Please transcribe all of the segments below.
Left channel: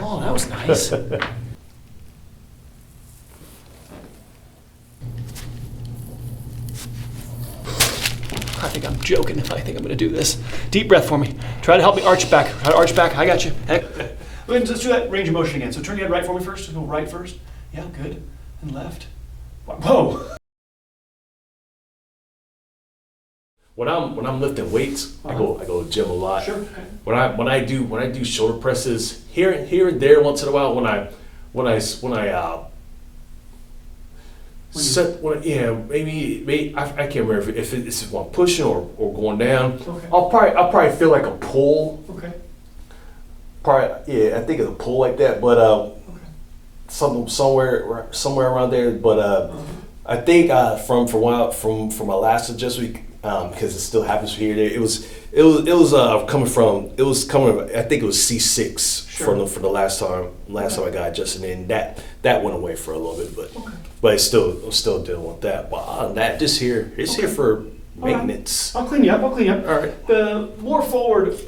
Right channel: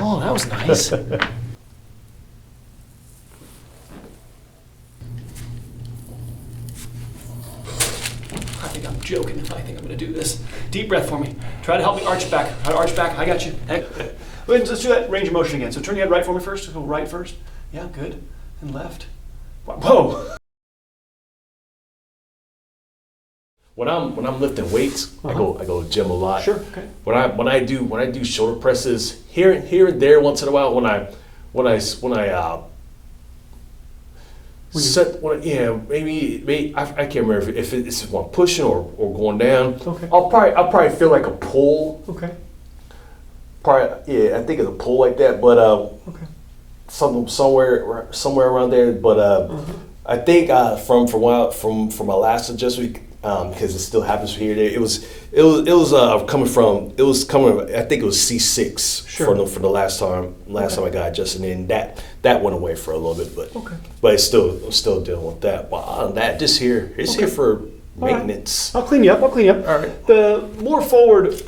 Oh, that was nice. I think I'm joking if I think I'm going to do this. Deep breath for me. Try to help me arch back. Try to arch back. I got you. Hey. Let's do that range of motion again. So turn your head right for me first. Go right first. Yeah, good. And left. Whoa. When I'm lifting weights, I go to gym a lot. Sure. Okay. When I do shoulder presses here and there once in a while, maybe I can't remember if it's when I'm pushing or going down. Okay. I'll probably feel like a pull. Okay. I think it's a pull like that, but Okay. somewhere around there. But I think from my last adjustment, because it still happens here. It was coming from. I think it was C6 Sure. for the last time I got adjusted in. That went away for a little bit, but I'm still dealing with that. But other than that, it's here for maintenance. I'll clean you up. All right. The more forward,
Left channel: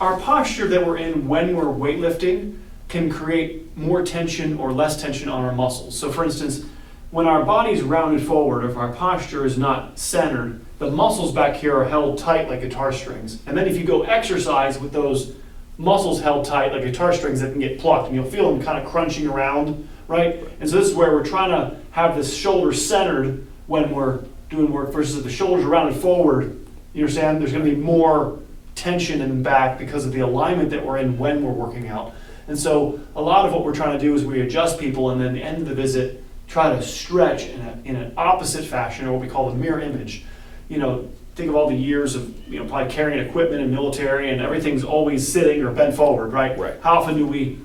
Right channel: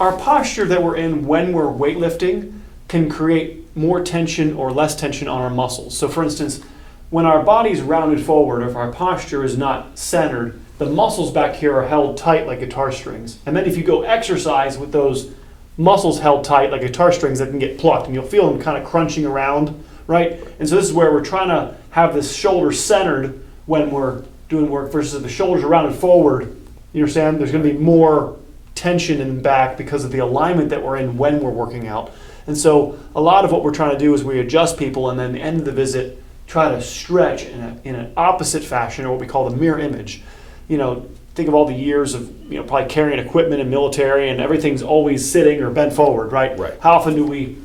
our posture that we're in when we're weightlifting can create more tension or less tension on our muscles. So for instance, when our body's rounded forward, if our posture is not centered, the muscles back here are held tight like guitar strings. And then if you go exercise with those muscles held tight like guitar strings, that can get plucked and you'll feel them kind of crunching around, right? And so this is where we're trying to have this shoulder centered when we're doing work versus the shoulders rounded forward. You understand? There's going to be more tension in the back because of the alignment that we're in when we're working out. And so a lot of what we're trying to do is we adjust people and then at the end of the visit try to stretch in an opposite fashion, or what we call the mirror image. Think of all the years of probably carrying equipment in military and everything's always sitting or bent forward, right? Right. How often do we,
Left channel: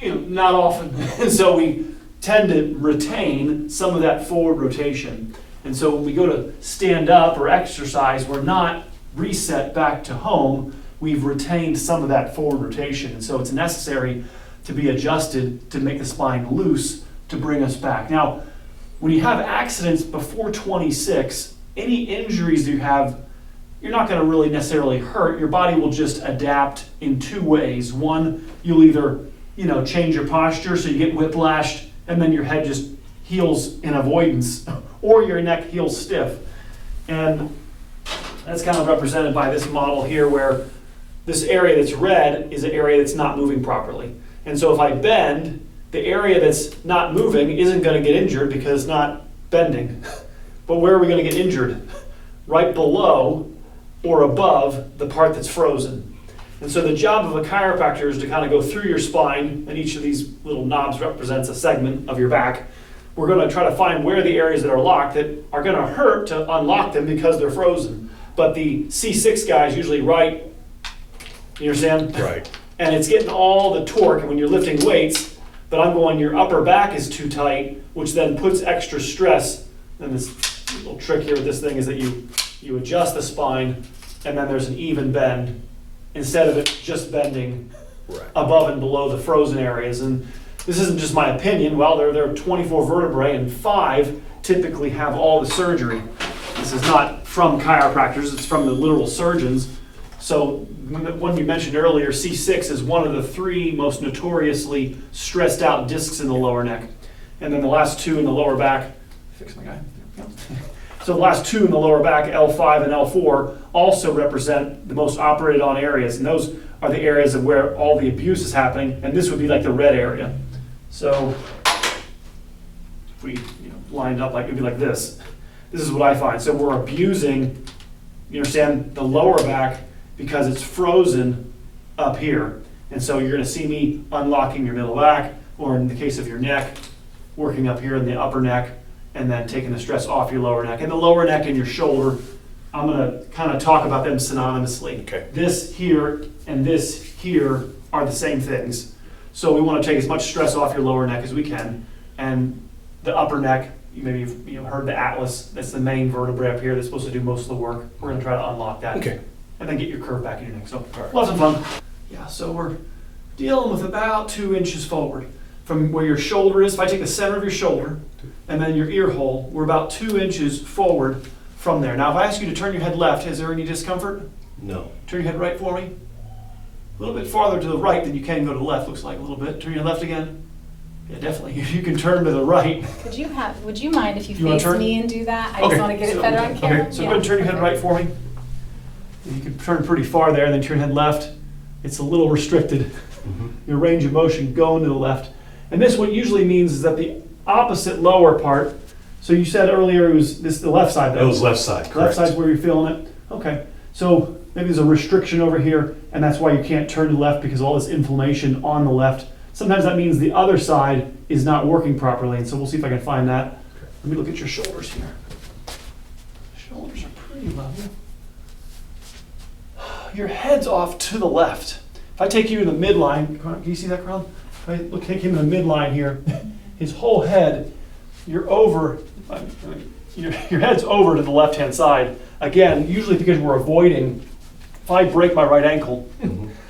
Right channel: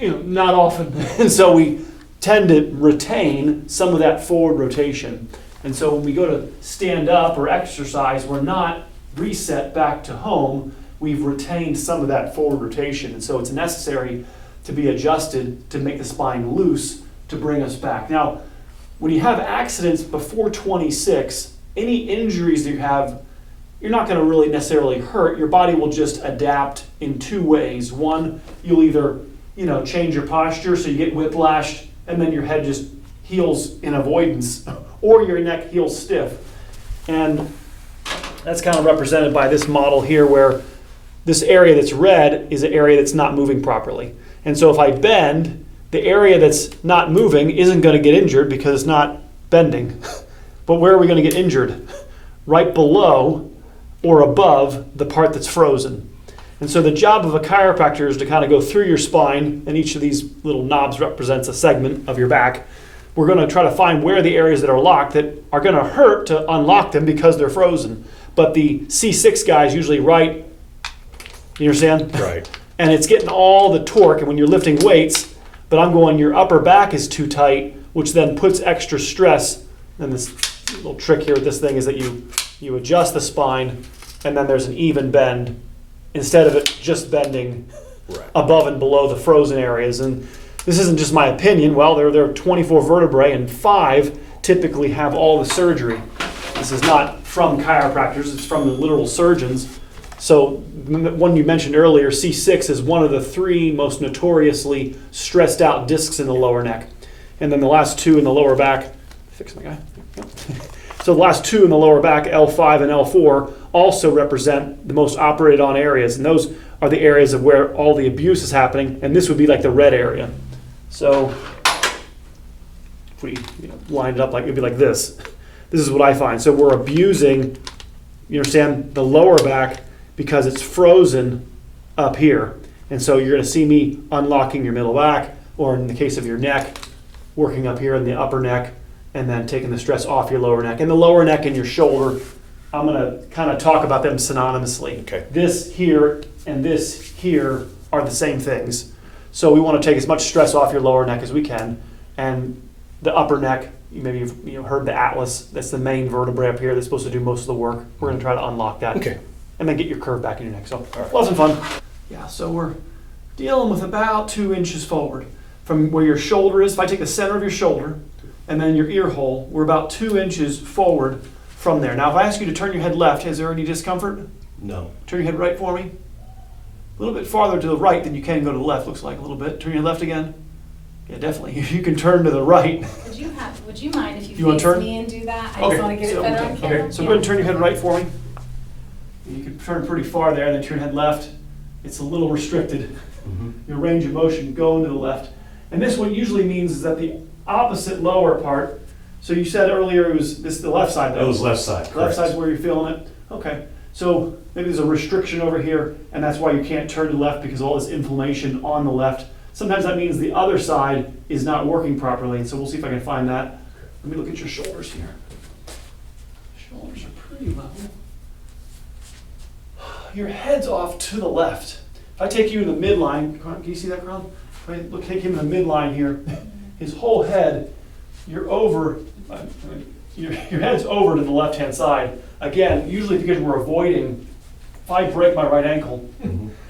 not often. And so we tend to retain some of that forward rotation. And so when we go to stand up or exercise, we're not reset back to home. We've retained some of that forward rotation. And so it's necessary to be adjusted to make the spine loose to bring us back. Now, when you have accidents before 26, any injuries that you have, you're not going to really necessarily hurt. Your body will just adapt in two ways. One, you'll either, change your posture so you get whiplashed and then your head just heals in avoidance, or your neck heals stiff. And that's kind of represented by this model here where this area that's red is an area that's not moving properly. And so if I bend, the area that's not moving isn't going to get injured because it's not bending. But where are we going to get injured? Right below or above the part that's frozen. And so the job of a chiropractor is to kind of go through your spine, and each of these little knobs represents a segment of your back. We're going to try to find where the areas that are locked that are going to hurt to unlock them because they're frozen. But the C6 guy is usually right, you understand? Right. And it's getting all the torque, and when you're lifting weights, but I'm going, your upper back is too tight, which then puts extra stress. And this little trick here with this thing is that you adjust the spine, and then there's an even bend instead of it just bending above and below the frozen areas. And this isn't just my opinion. Well, there are 24 vertebrae, and 5 typically have all the surgery. This is not from chiropractors, it's from the literal surgeons. So the one you mentioned earlier, C6, is one of the 3 most notoriously stressed out discs in the lower neck. And then the last 2 in the lower back, fix my guy. So the last 2 in the lower back, L5 and L4, also represent the most operated on areas. And those are the areas of where all the abuse is happening. And this would be like the red area. So if we lined it up, it'd be like this. This is what I find. So we're abusing, you understand, the lower back because it's frozen up here. And so you're going to see me unlocking your middle back, or in the case of your neck, working up here in the upper neck, and then taking the stress off your lower neck. And the lower neck and your shoulder, I'm going to kind of talk about them synonymously. Okay. This here and this here are the same things. So we want to take as much stress off your lower neck as we can. And the upper neck, maybe you've heard the atlas, that's the main vertebrae up here that's supposed to do most of the work. We're going to try to unlock that. Okay. And then get your curve back in your neck. So right. Lots of fun. Yeah, so we're dealing with about 2 inches forward from where your shoulder is. If I take the center of your shoulder and then your ear hole, we're about 2 inches forward from there. Now, if I ask you to turn your head left, is there any discomfort? No. Turn your head right for me. little bit farther to the right than you can go to the left, looks like a little bit. Turn your left again. Yeah, definitely. You can turn to the right. Would you mind if you You wanna face turn? me and do that? I Okay, just want to get it so- better on camera. Okay, so go ahead and turn your head right for me. You can turn pretty far there, and then turn your head left. It's a little restricted, your range of motion going to the left. And this what usually means is that the opposite lower part, so you said earlier it was the left side. That was left side, Left correct. side's where you're feeling it? Okay, so maybe there's a restriction over here, and that's why you can't turn to the left because of all this inflammation on the left. Sometimes that means the other side is not working properly, and so we'll see if I can find that. Let me look at your shoulders here. Shoulders are pretty level. Your head's off to the left. If I take you in the midline, can you see that, Crown? If I take him in the midline here, his whole head, you're over, your head's over to the left-hand side. Again, usually because we're avoiding, if I break my right ankle,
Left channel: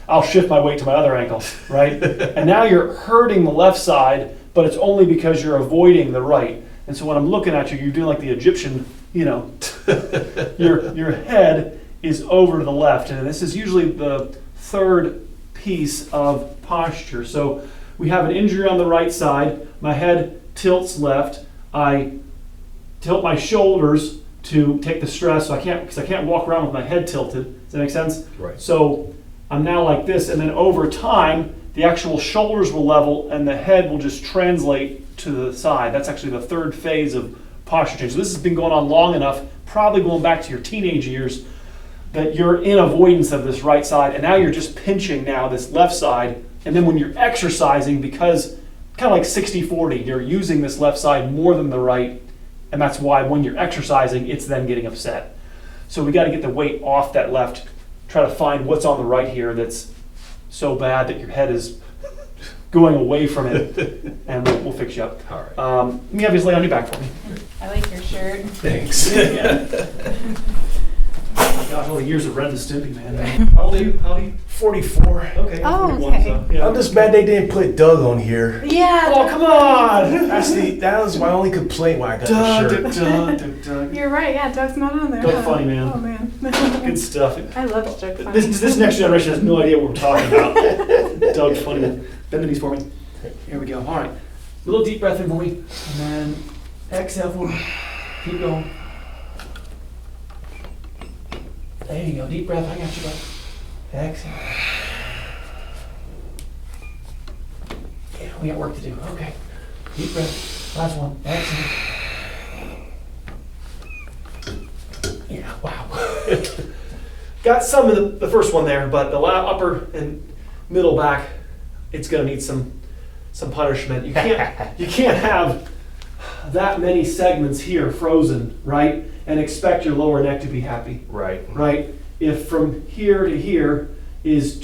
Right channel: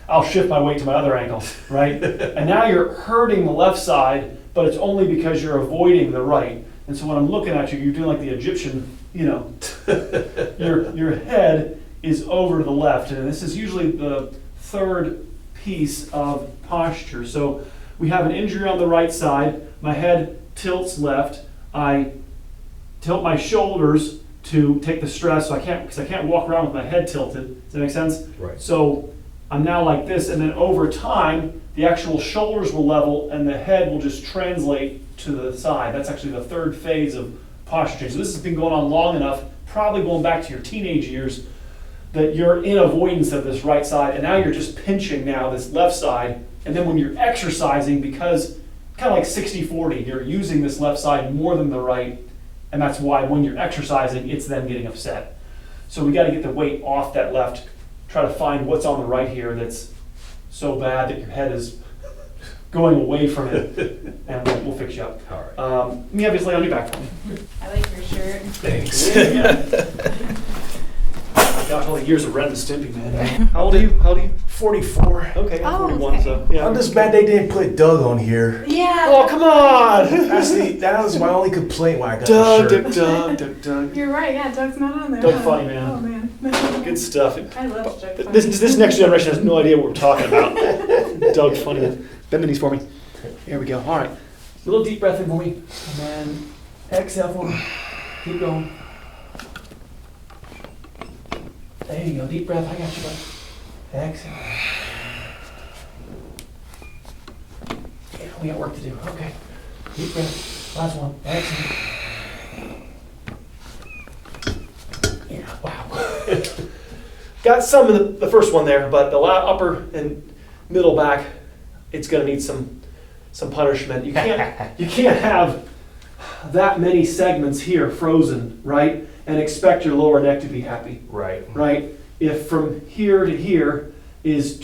I'll shift my weight to my other ankle, right? And now you're hurting the left side, but it's only because you're avoiding the right. And so when I'm looking at you, you're doing like the Egyptian, your head is over to the left. And this is usually the third piece of posture. So we have an injury on the right side. My head tilts left. I tilt my shoulders to take the stress. So because I can't walk around with my head tilted. Does that make sense? Right. So I'm now like this, and then over time, the actual shoulders will level and the head will just translate to the side. That's actually the third phase of posture change. So this has been going on long enough, probably going back to your teenage years, that you're in avoidance of this right side, and now you're just pinching now this left side. And then when you're exercising, because kind of like 60-40, you're using this left side more than the right, and that's why when you're exercising, it's then getting upset. So we got to get the weight off that left, try to find what's on the right here that's so bad that your head is going away from it, and we'll fix you up. All right. Let me have you lay on your back for me. I like your shirt. Thanks. Gosh, all the years of Ren and Stimpy, man. How old are you? 44. Okay, Oh, 41, okay. so, yeah. I'm just mad they didn't put Doug on here. Yeah. Oh, come on! That was my only complaint when I got the Doug, shirt. Doug, Doug, Doug. You're right. Yeah, Doug's not on there. Doug huh? funny, man. Oh man. Good stuff. I love Doug funny. This next generation has no idea what we're talking about. Doug funny. Bend the knees for me. Here we go. All right. A little deep breath in for me. And then exhale for me. Keep going. There you go. Deep breath. I got you, bud. Exhale. Yeah, we got work to do. Okay. Deep breath. Last one. Exhale. Yeah, wow. Got some in the first one there, but the upper and middle back, it's going to need some punishment. You can't have that many segments here frozen, right? And expect your lower neck to be happy, Right. right? If from here to here is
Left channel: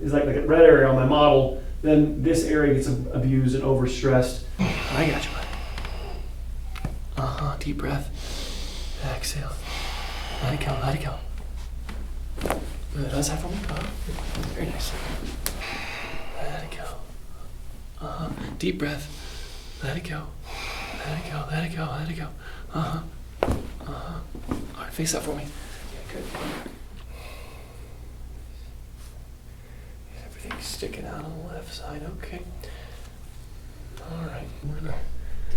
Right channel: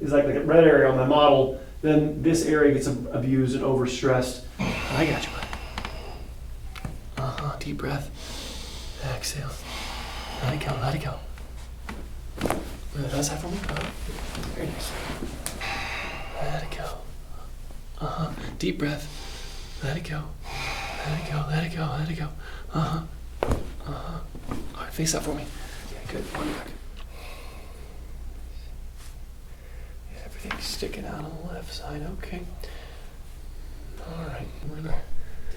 like a red area on my model, then this area gets abused and overstressed. I got you. Deep breath. Exhale. Let it go. Let it go. Does that for me? Very nice. Let it go. Deep breath. Let it go. Let it go. Let it go. Let it go. All right, face up for me. Yeah, good. Yeah, everything's sticking out on the left side. Okay. All right.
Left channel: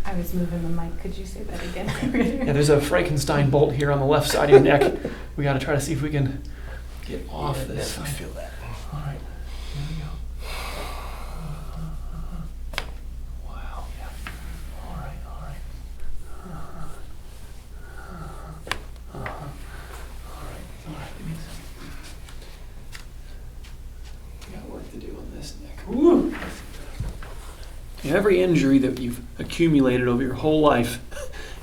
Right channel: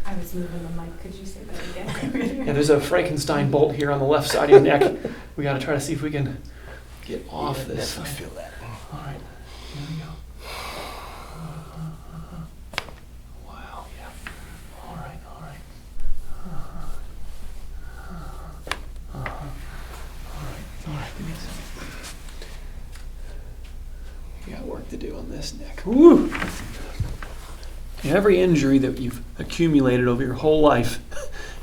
I was moving the mic. Could you say that again? Yeah, there's a Frankenstein bolt here on the left side of your neck. We got to try to see if we can get off this. I feel that. All right, here we go. Wow, yeah. All right, all right. All right, give me a second. We got work to do on this neck. Woo! Every injury that you've accumulated over your whole life,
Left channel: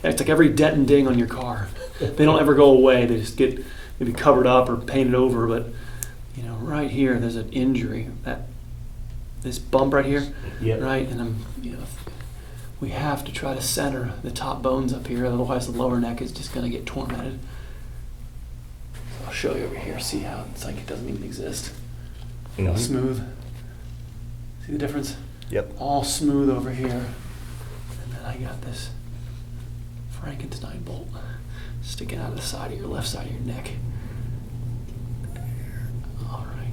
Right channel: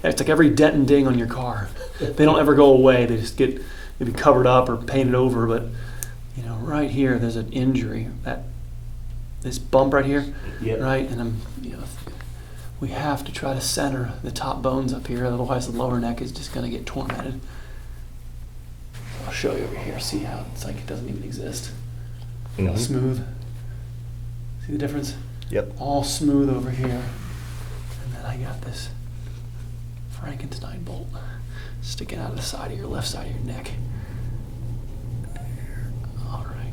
it's like every dent and ding on your car. They don't ever go away. They just get maybe covered up or painted over. But right here, there's an injury. This bump right here, Yep. right? And we have to try to center the top bones up here. Otherwise, the lower neck is just going to get tormented. I'll show you over here. See how it's like it doesn't even exist. All smooth. See the difference? Yep. All smooth over here. And then I got this Frankenstein bolt sticking out of the side of your left side of your neck. All right.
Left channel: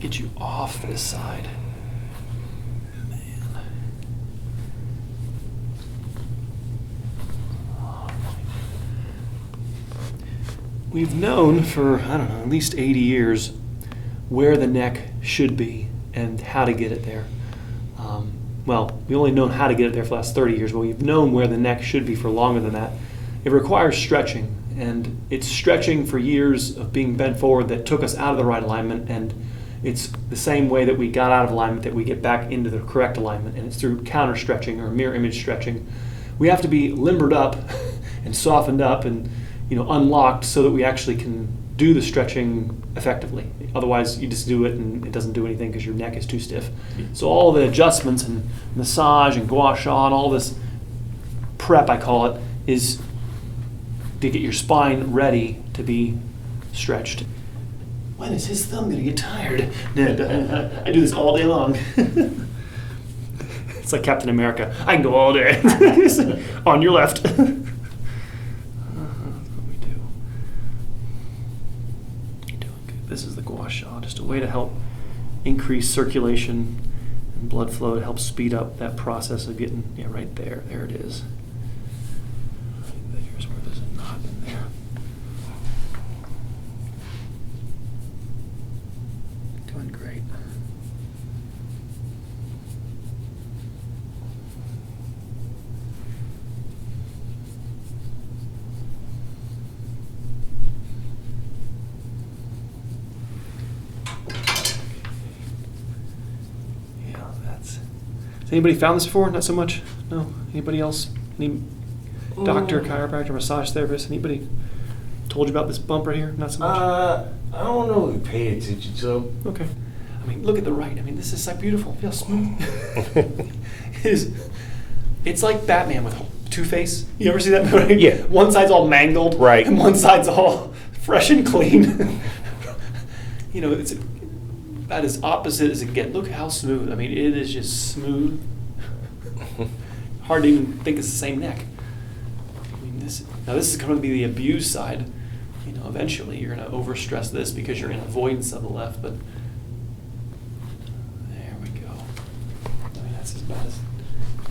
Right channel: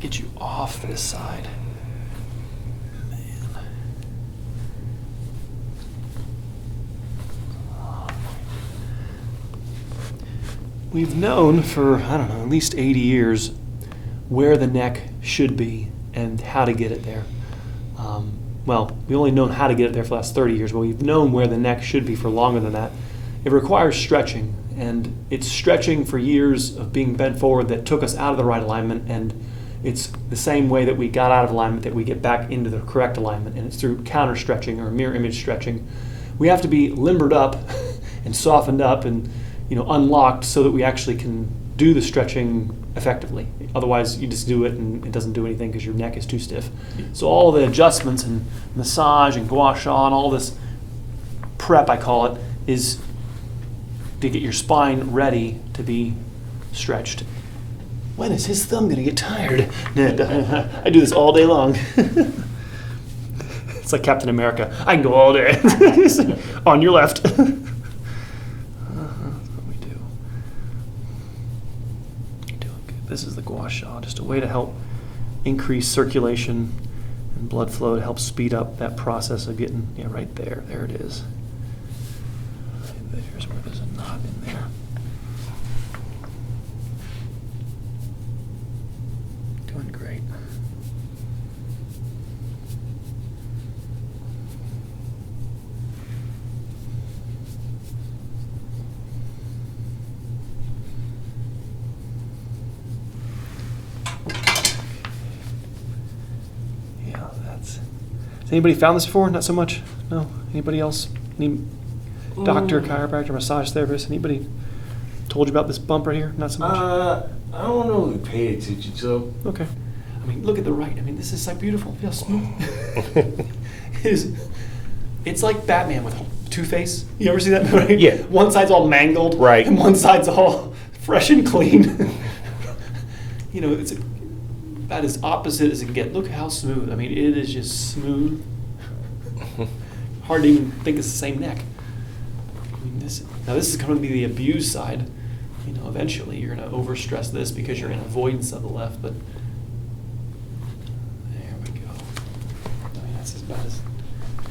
get you off this side. We've known for, I don't know, at least 80 years where the neck should be and how to get it there. Well, we've only known how to get it there for the last 30 years, but we've known where the neck should be for longer than that. It requires stretching, and it's stretching for years of being bent forward that took us out of the right alignment, and it's the same way that we got out of alignment that we get back into the correct alignment, and it's through counter stretching or mirror image stretching. We have to be limbered up and softened up and unlocked so that we actually can do the stretching effectively. Otherwise, you just do it and it doesn't do anything because your neck is too stiff. So all the adjustments and massage and gua sha and all this prep, I call it, is to get your spine ready to be stretched. When is his thumb going to get tired? I do this all day long. It's like Captain America. I can go all day. On your left. This is the gua sha, just a way to help increase circulation and blood flow to help speed up that process of getting, right there. There it is. Right there's where there's a knot in there. Doing great. Has anybody found this before? Not so much? No? Anybody else? Any doctor, chiropractor, massage therapist? Anybody told you about this bump right here? Not so much? I don't know if we paid attention to. Okay. I mean, look at the right. I mean, this is like beautiful. Feel smooth. It's like Batman with Two-Face. You ever see that movie? Yeah. One side's all mangled. Right. And one side's all fresh and clean. It's about as opposite as it can get. Look how smooth. I mean, it is just smooth. Hard to even think it's the same neck. I mean, this is going to be the abused side. Eventually you're going to overstress this because you're in avoidance of the left, but there we go. I mean, that's about as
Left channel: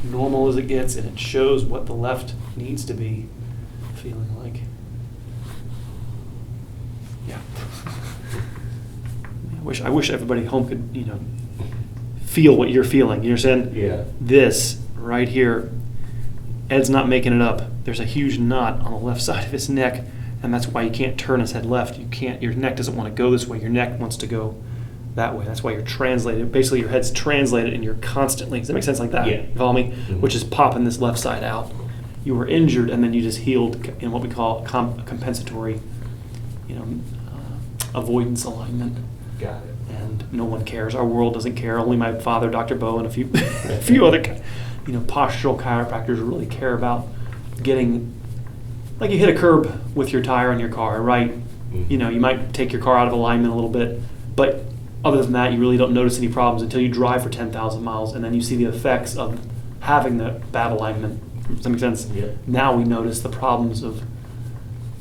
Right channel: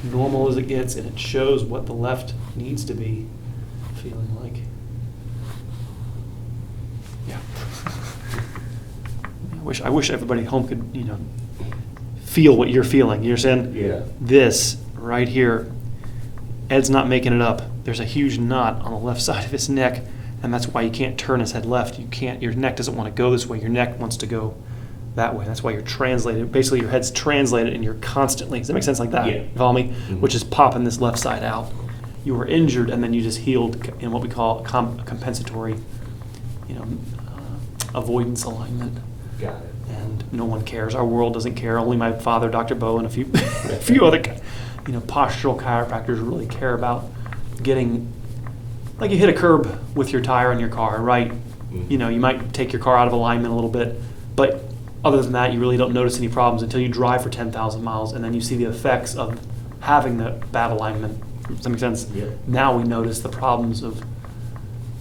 normal as it gets, and it shows what the left needs to be feeling like. Yeah. I wish everybody at home could, feel what you're feeling. You understand? Yeah. This right here, Ed's not making it up. There's a huge knot on the left side of his neck, and that's why you can't turn his head left. You can't. Your neck doesn't want to go this way. Your neck wants to go that way. That's why you're translated. Basically, your head's translated, and you're constantly. Does that make sense like that? Yeah. You follow me? Mm-hmm. Which is popping this left side out. You were injured, and then you just healed in what we call compensatory, avoidance alignment. Got it. And no one cares. Our world doesn't care. Only my father, Dr. Bo, and a few other, postural chiropractors really care about getting, like you hit a curb with your tire on your car, right? Mm-hmm. You might take your car out of alignment a little bit, but other than that, you really don't notice any problems until you drive for 10,000 miles, and then you see the effects of having the bad alignment. Does that make sense? Yeah. Now we notice the problems of,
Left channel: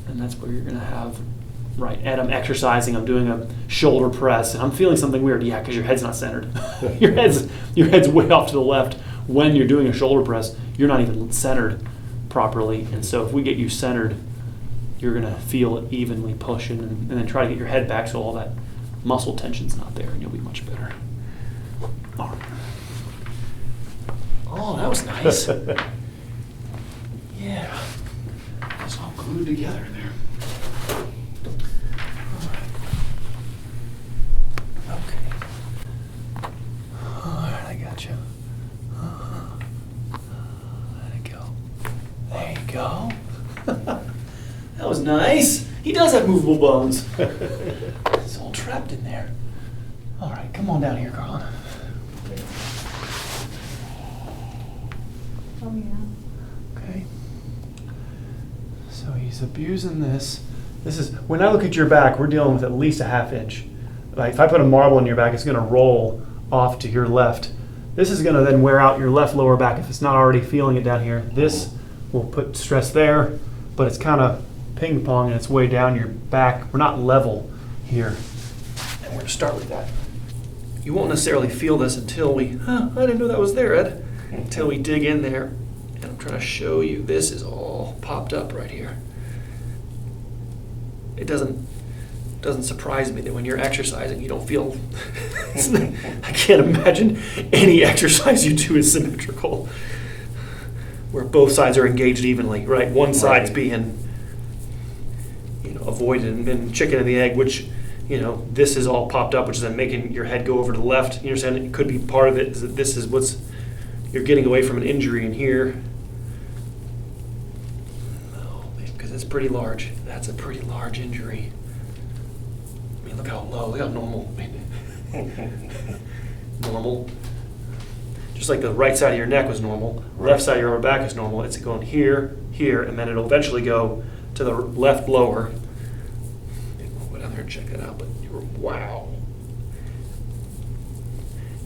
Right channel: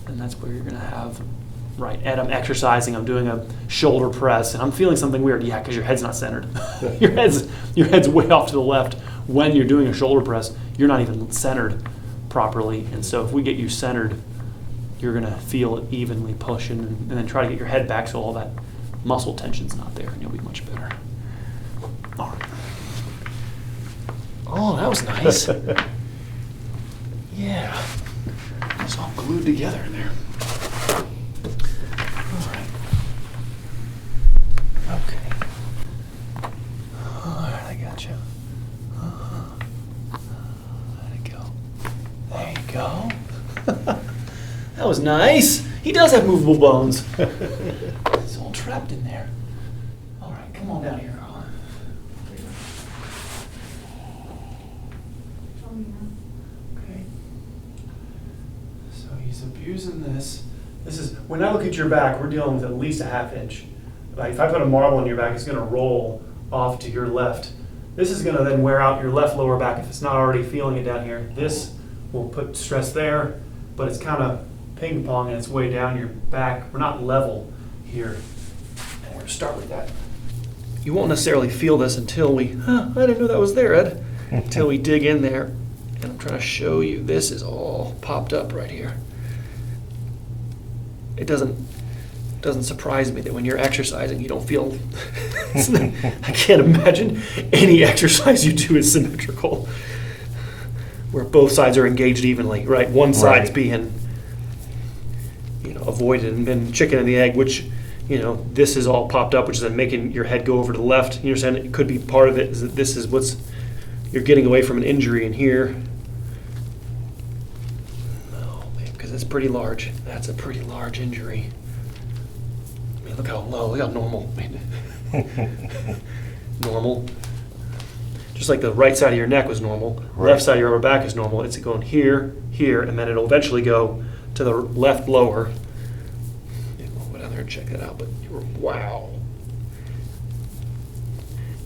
and that's where you're going to have. Right, Ed, I'm exercising, I'm doing a shoulder press, and I'm feeling something weird. Yeah, because your head's not centered. your head's way off to the left. When you're doing a shoulder press, you're not even centered properly. And so if we get you centered, you're going to feel it evenly pushing, and then try to get your head back so all that muscle tension's not there, and you'll be much better. All right. Oh, that was nice. Yeah. It's all glued together in there. Okay. All right, I got you. There you go. There you go. That was nice. He does have movable bones. It's all trapped in there. All right, come on down here, Carlin. Oh, yeah. Okay. So he's abusing this. This is, when I look at your back, we're dealing with at least a ½ inch. Like if I put a marble in your back, it's going to roll off to your left. This is going to then wear out your left lower back if it's not already feeling it down here. This will put stress there, but it's kind of ping pong and it's way down your back. We're not level here. And we're going to start with that you won't necessarily feel this until we, I didn't know that was there, Ed. Until we dig in there. And I'm trying to show you, this is all popped up right here. It doesn't surprise me that when you're exercising, you don't feel, I can't imagine any exercise you do is symmetrical, where both sides are engaged evenly, right? One side's being, avoided and then chicken and the egg, which, this is all popped up, which is then making your head go over to the left. You understand? It could be part of it is that this is what's, you're getting away from an injury in here. No, because it's pretty large. That's a pretty large injury. I mean, look how low, look how normal. Normal. Just like the right side of your neck was normal, left side of your upper back is normal. It's going here, here, and then it'll eventually go to the left lower. We'll go down there and check that out, but wow.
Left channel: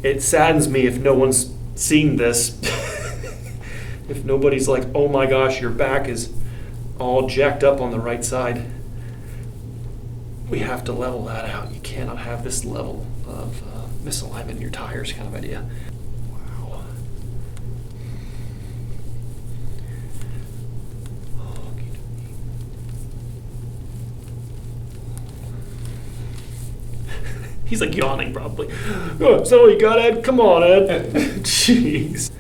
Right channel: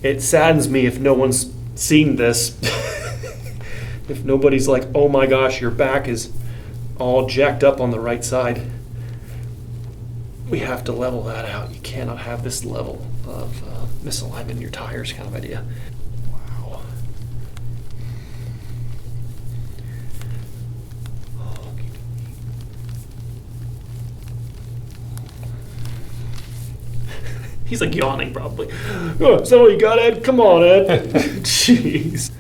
It saddens me if no one's seen this. If nobody's like, oh my gosh, your back is all jacked up on the right side. We have to level that out. You cannot have this level of misalignment in your tires kind of idea. Wow. He's like yawning probably. Oh, is that all you got, Ed? Come on, Ed. Jeez.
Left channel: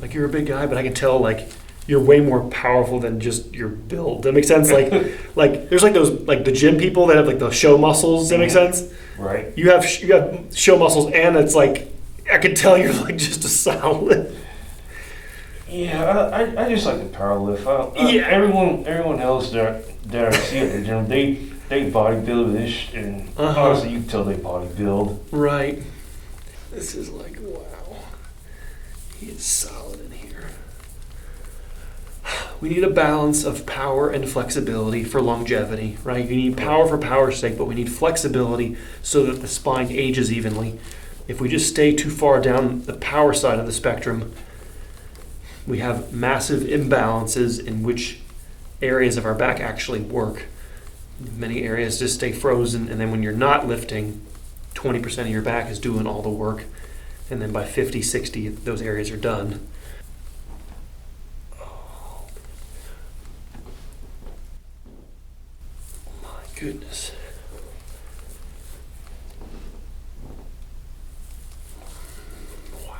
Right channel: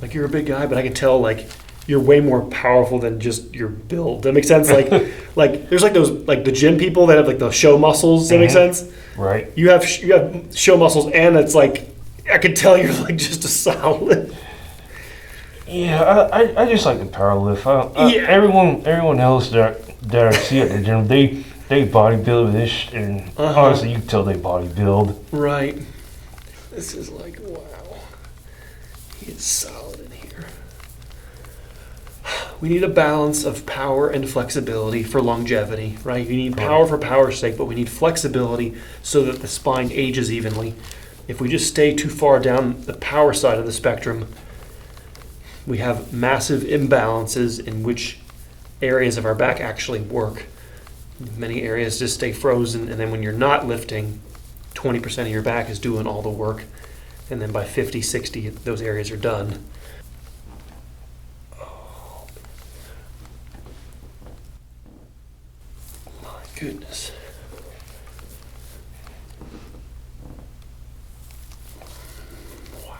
Like, you're a big guy, but I can tell, like, you're way more powerful than just your build. That makes sense? Like there's like those, like the gym people that have like the show muscles. Does that make sense? Right. You have show muscles, and it's like, I could tell you're like just a solid. Yeah, I just like to power lift. Yeah. Everyone else that I see at the gym, they bodybuild this, and honestly, you can tell they bodybuild. Right. This is like, wow. He is solid in here. We need a balance of power and flexibility for longevity, right? You need power for power's sake, but we need flexibility so that the spine ages evenly. If we just stay too far down the power side of the spectrum, we have massive imbalances in which areas of our back actually work. Many areas just stay frozen, and then when you're not lifting, 20% of your back is doing all the work, and then by 50, 60, those areas are done. Oh, my goodness. Wow.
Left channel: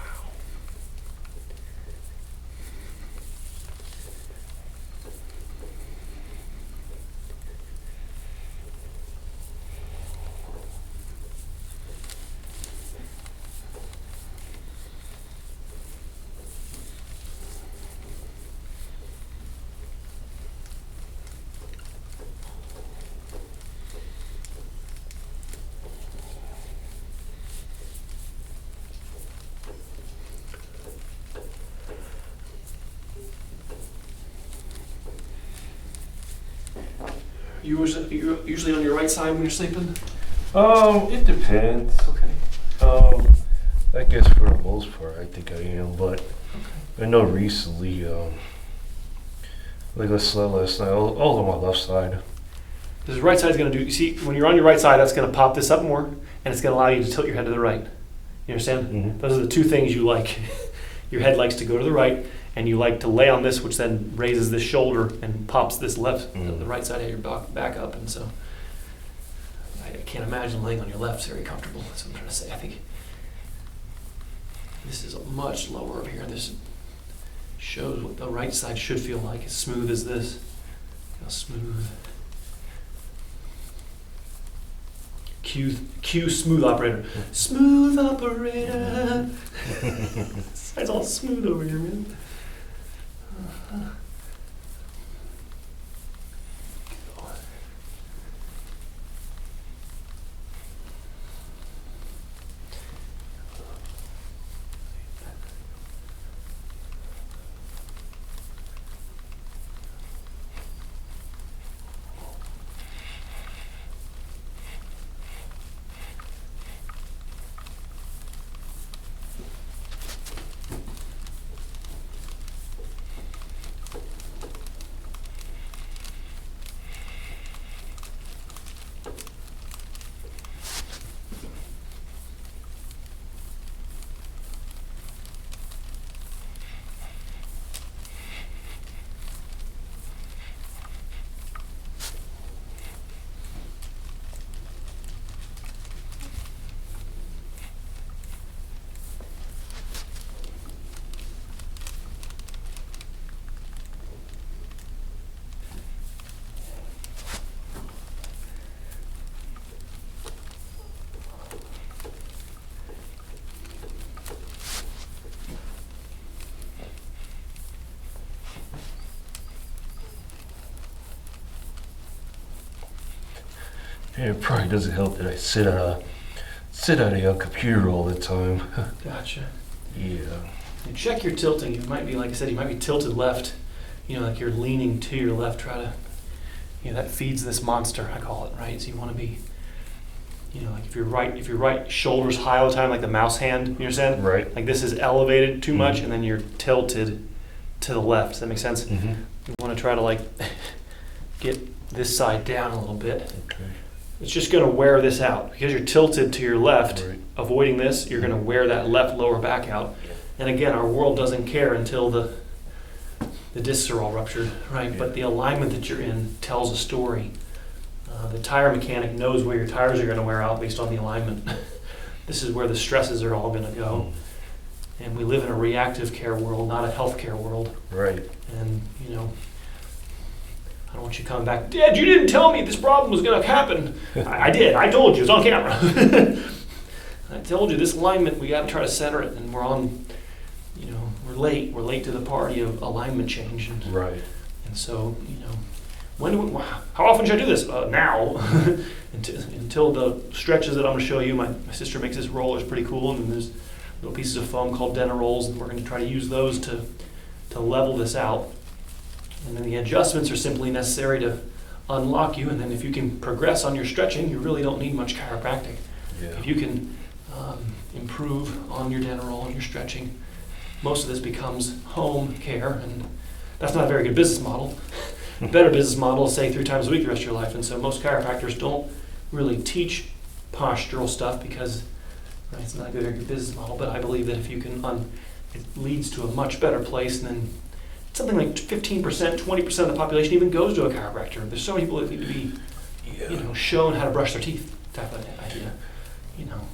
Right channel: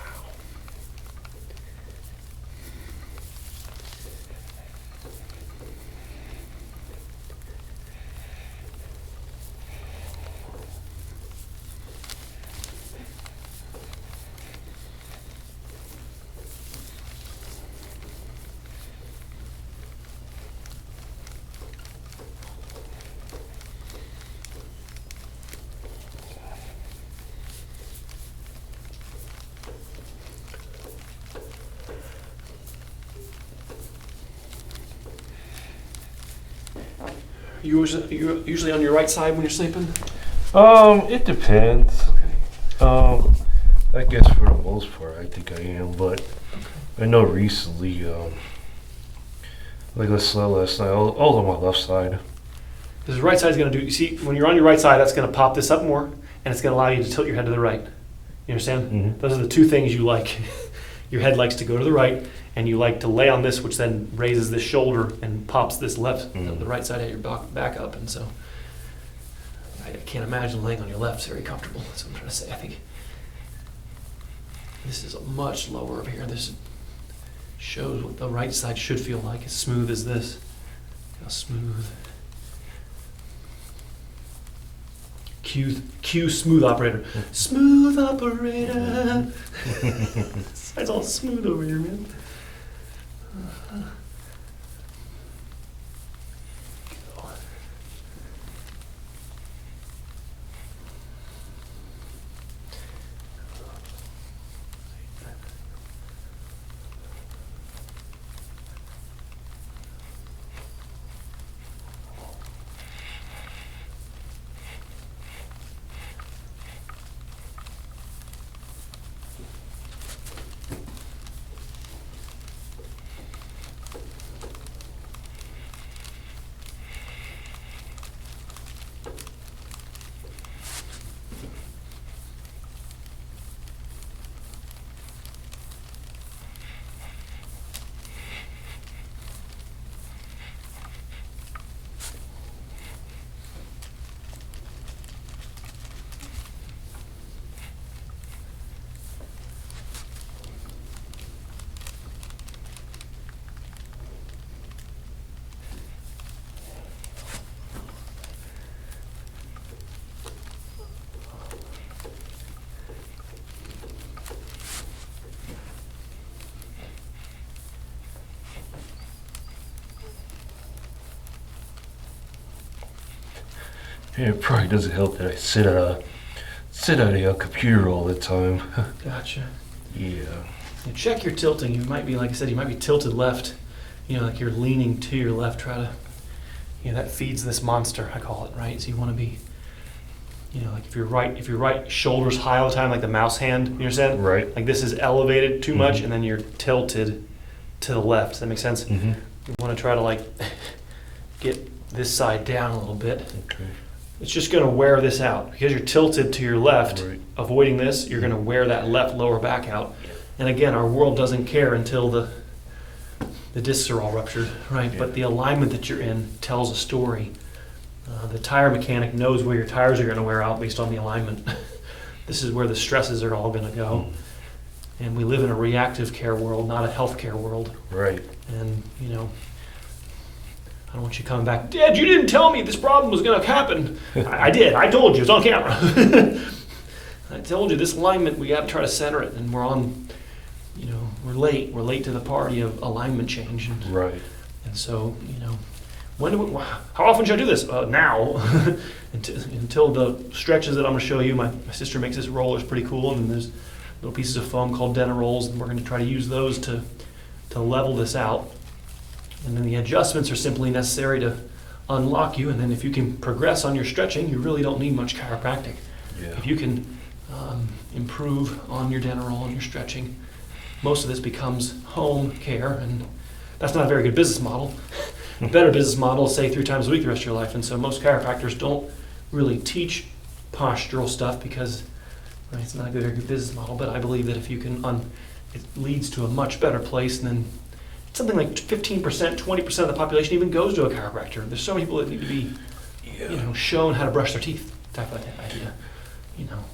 You usually on your right side when you're sleeping? It depends. Okay. I guess for the most part, I think I am, but I know recently, like I slept last night, I was on my left side. Because the right side is going to do, you see, when you're on your right side, that's going to pop this up more, and it's going to allow you to tilt your head to the right. You understand? Mm-hmm. Those are the two things you like. Your head likes to go to the right, and you like to lay on this, which then raises this shoulder and pops this left, the right side of your back up. And so I can't imagine laying on your left is very comfortable. That's what I'm trying to say. I think this is much lower up here. This shows what the right side should feel like, as smooth as this. How smooth. Cue smooth operator. Smooth operator. It's all smooth over here, man. Yeah, it probably doesn't help that I sit at a computer all the time. Gotcha. Yeah. And check your tilting. You might be, like I said, you might be tilted left. Like you're leaning to your left. Try to, that feeds this monster, I call it, right? So you want to be, like if your right shoulder's high all the time, like the mouse hand, you understand? Right. Like this is elevated too much, Mhm. and then you're tilted to the left. Does that make sense? Mm-hmm. You want to try to like get this side down a little bit. Okay. It's just going to wear this out because you're tilted to your left. Right. Avoiding this, you're going to wear that left lower back out. And again, our world doesn't care until the discs are all ruptured, right? Yeah. But the alignment that you're in tells a story. The tire mechanic knows where your tires are going to wear out based on the alignment. This is where the stresses are all going to go. And we live in a reactive care world, not a health care world. Right. And, I don't want you coming back, Dad, you didn't tell me this problem was going to happen. I did. I told you. It's on camera. I told you this alignment, we got to try to center it. And we're on, we're late. We're late to the party of alignment change. And, Right. and so, how often should I do this? Now. until the stretches that I'm going to show you. My sister makes this roller. It's pretty cool. And there's little pieces of foam called dental rolls. And we're going to try to use those to level this out. And then the adjustments are simply necessary to unlock you. And then if you can progress on your stretching, you really don't need much chiropractic. Yeah. If you can improve on your dental roll and your stretching, most of this becomes home care. And that's not a very good business model. A better business model is say 3 times a week the rest of your life. And so most chiropractors don't really teach postural stuff because it's not a very good business model. But I believe that if you can, it leads to a much better place. And then something like 15%, 20% of the population even goes to a chiropractor. There's so many people that need to be, shown how to brush their teeth, type of idea.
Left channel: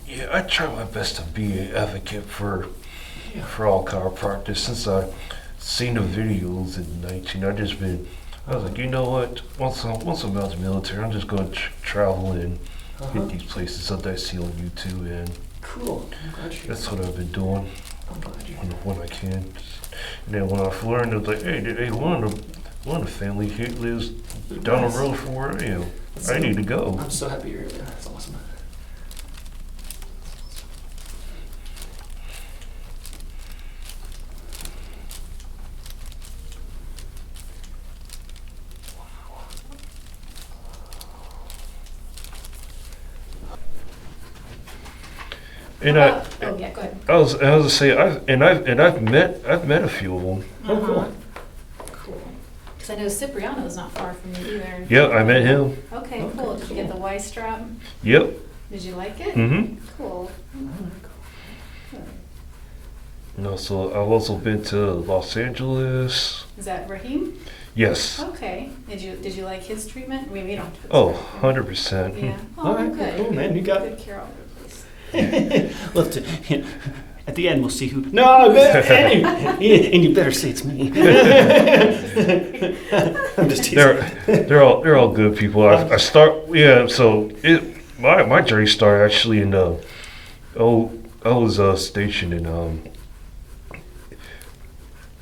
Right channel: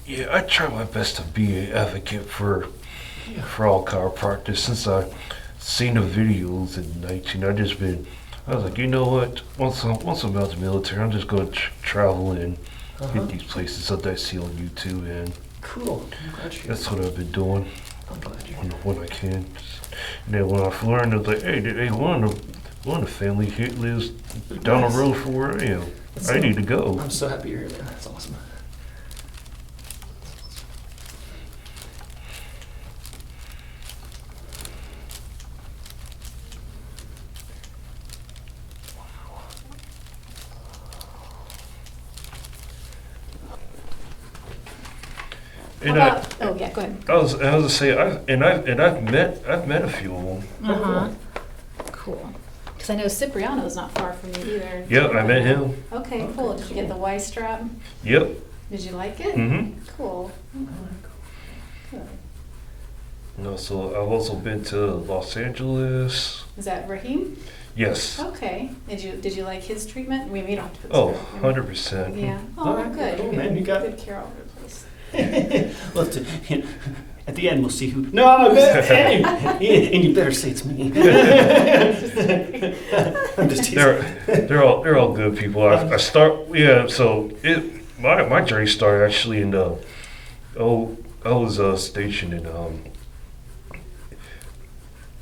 Yeah, I try my best to be an advocate for all chiropractors. Since I've seen the videos in 19, I was like, you know what? Once I'm out of the military, I'm just going to travel and hit these places that I see on YouTube, and Cool. I'm glad you. that's what I've been doing I'm glad you. when I can. And then when I learned, it was like, hey, one of the family here lives down the road from where I am. I need to go. I'm so happy you're here, man. That's awesome. And oh yeah, go ahead. I was to say, I've met a few of them. Uh-huh. Cool. Because I know Cipriano's not far from you either. Yeah, I met him. Okay, cool. Did you get the Y strap? Yep. Did you like it? Mm-hmm. Cool. Good. And also, I've also been to Los Angeles. Is that Raheem? Yes. Okay. Did you like his treatment? We don't have to put Oh, this back. 100%. Yeah. All Oh, right, good. cool, man. You got good care all over the place. We'll have to, at the end, we'll see who. No, and you better say it's me. I'm just teasing. They're all good people. I start So my journey started actually in I was stationed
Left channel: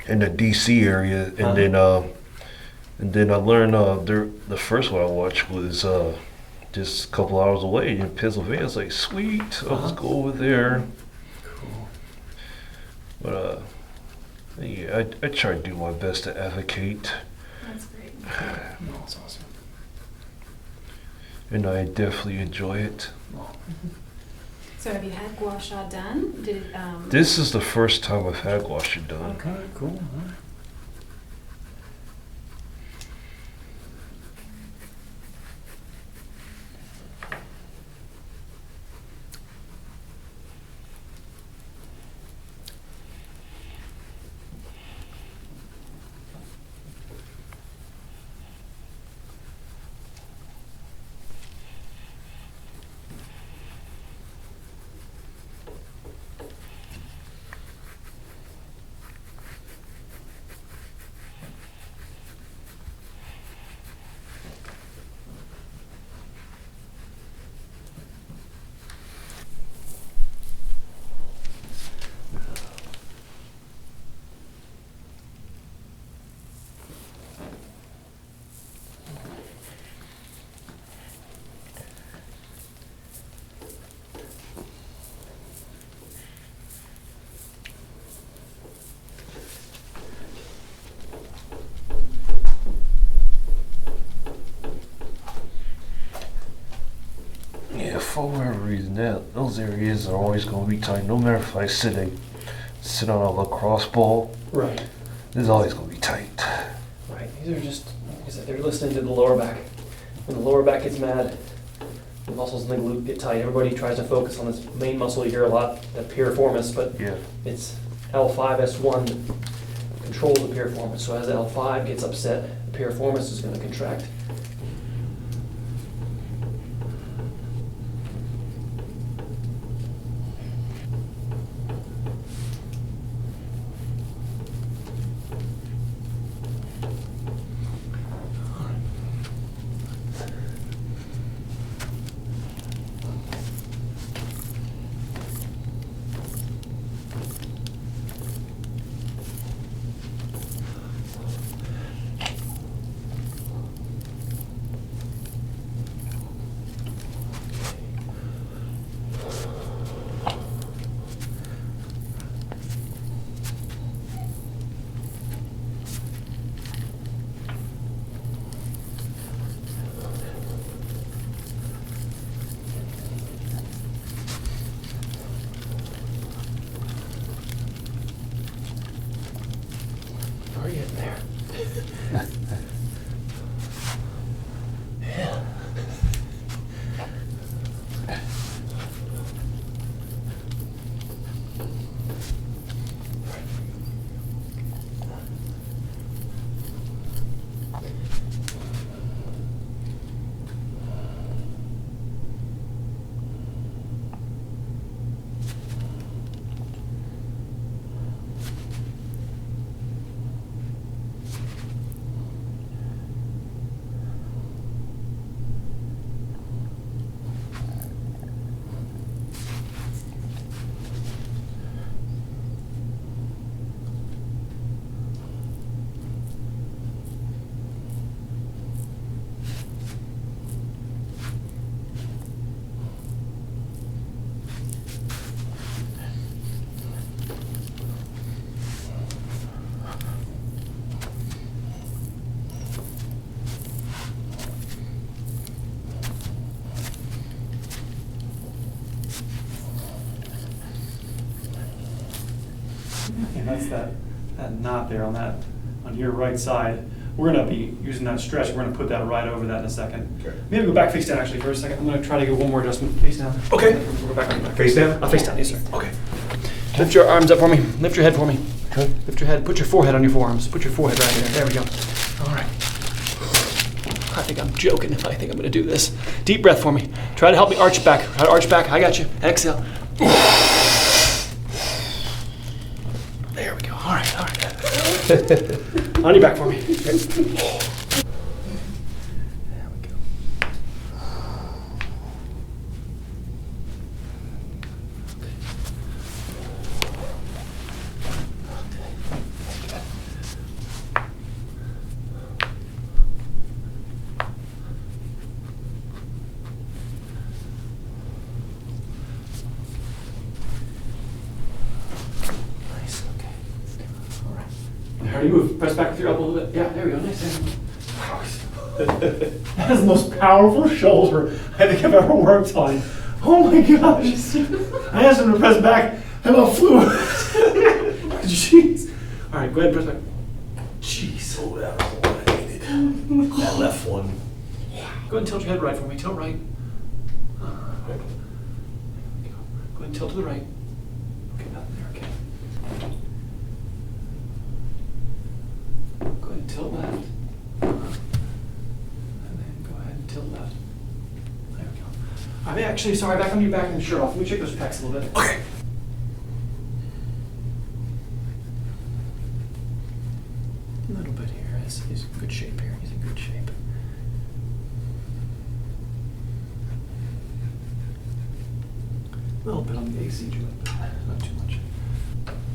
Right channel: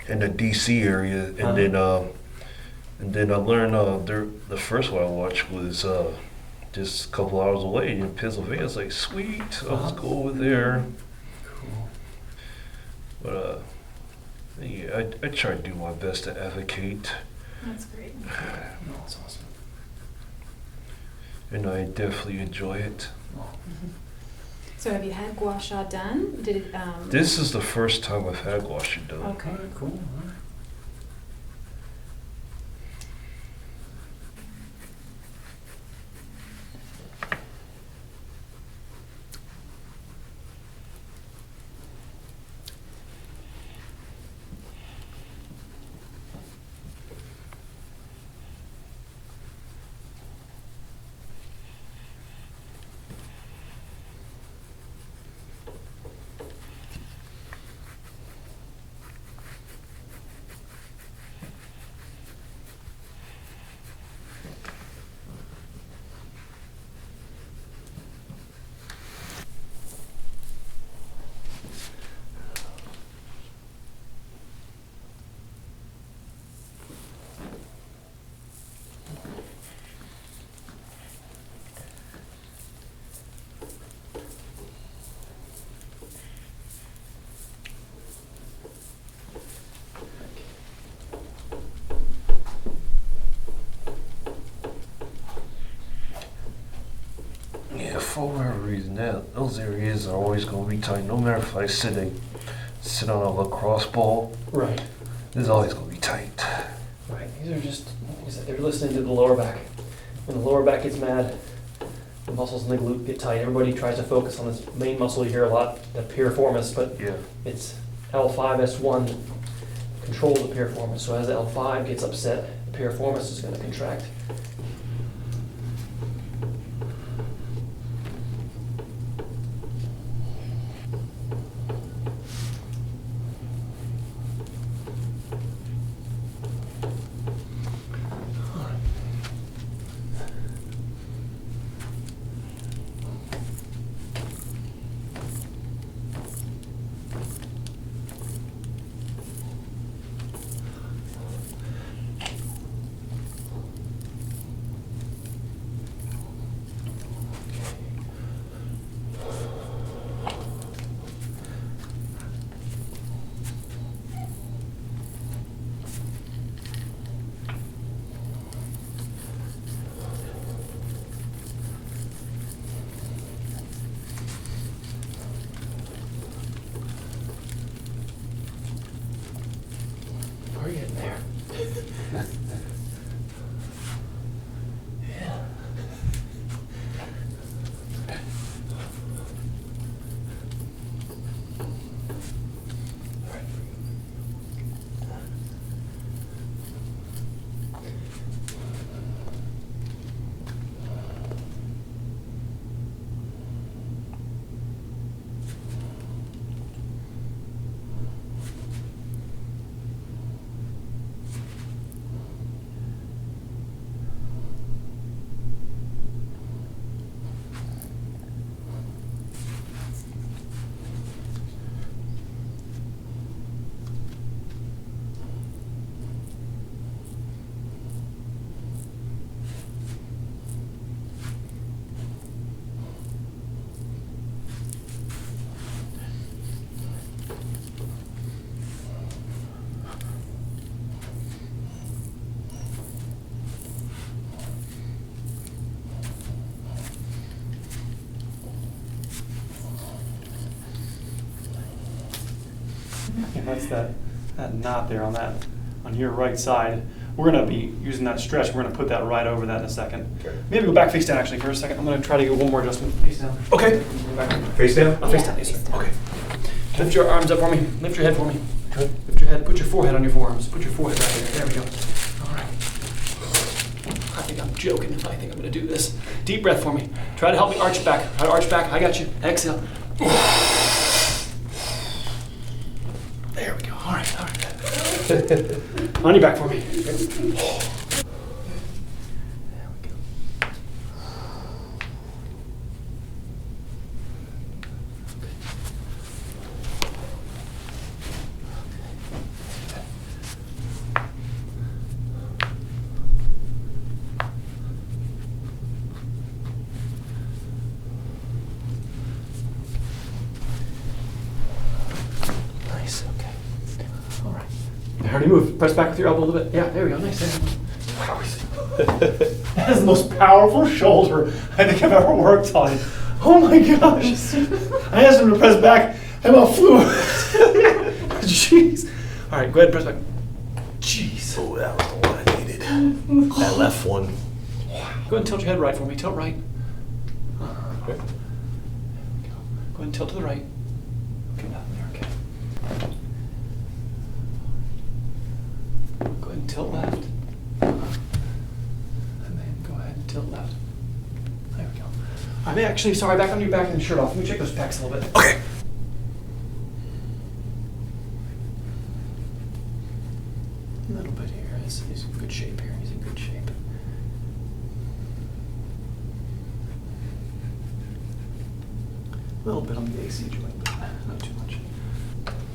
in the DC area, and then I learned the first one I watched was just a couple hours away in Pennsylvania. I was like, sweet, let's go over there. Cool. But yeah, I try to do my best to advocate, That's great. No, that's awesome. and I definitely enjoy it. So have you had gua sha done? This is the first time I've had gua sha done. Okay. Cool. All right. Yeah, for whatever reason, those areas are always going to be tight. No matter if I sit on a lacrosse ball, Right. it's always going to be tight. Right. These are just, like I said, they're listening to the lower back. When the lower back gets mad, the muscles in the glute get tight. Everybody tries to focus on this main muscle you hear a lot, the piriformis, but Yeah. it's L5S1 that controls the piriformis. So as L5 gets upset, the piriformis is going to contract. We're getting there. Yeah. And that's that knot there on your right side. We're gonna be using that stretch. We're gonna put that right over that in a second. Okay. Maybe go back face down actually for a second. I'm gonna try to get one more adjustment. Face down. Okay. We'll go back. Face down? Face down, yes sir. Okay. Lift your arms up for me. Lift your head for me. Okay. Lift your head. Put your forehead on your forearms. Put your forehead right here. There we go. All right. I think I'm joking if I think I'm going to do this. Deep breath for me. Try to help me arch back. Try to arch back. I got you. Exhale. There we go. All right. All right. On your back for me. There we go. Nice, okay. All right. How do you move? Press back with your elbow a little bit. Yeah, there we go. Nice. That is the most powerful shoulder I think I've ever worked on. Oh my gosh. I asked him to press back. I about flew. Jeez. All right, go ahead and press back. Jeez. Oh, that was the one I needed. That left one. Go ahead and tilt your head right for me. Tilt right. Okay. Go ahead and tilt to the right. Okay, nothing there. Okay. Go ahead and tilt left. And then go ahead and tilt left. There we go. I'm actually sorry, back on your back and shirt off. Let me check those pecs a little bit. Okay. A little bit here. He's in good shape here. He's in good shape. A little bit on the AC joint, but not too much.